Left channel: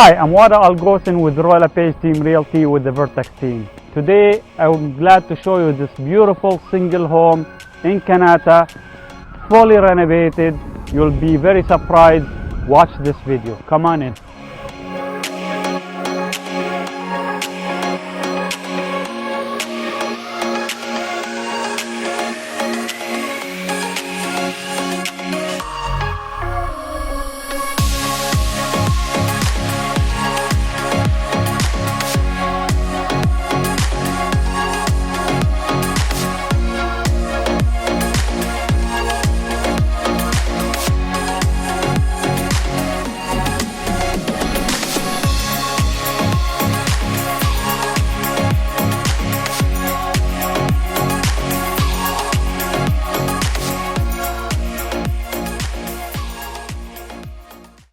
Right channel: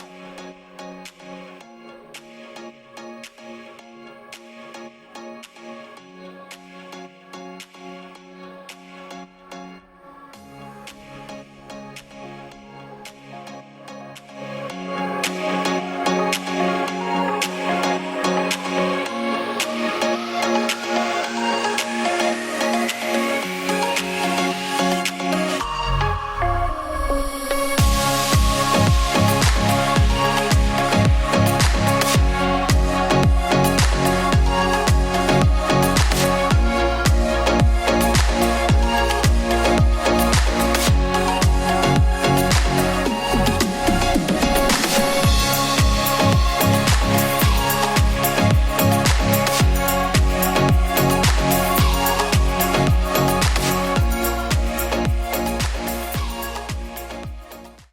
Hi, I'm al-ghosen with Royal LePage Team Realty with the Vertex team. Today, I'm glad to show you this beautiful single home in Kanata, fully renovated. You'll be very surprised. Watch this video. Come on in.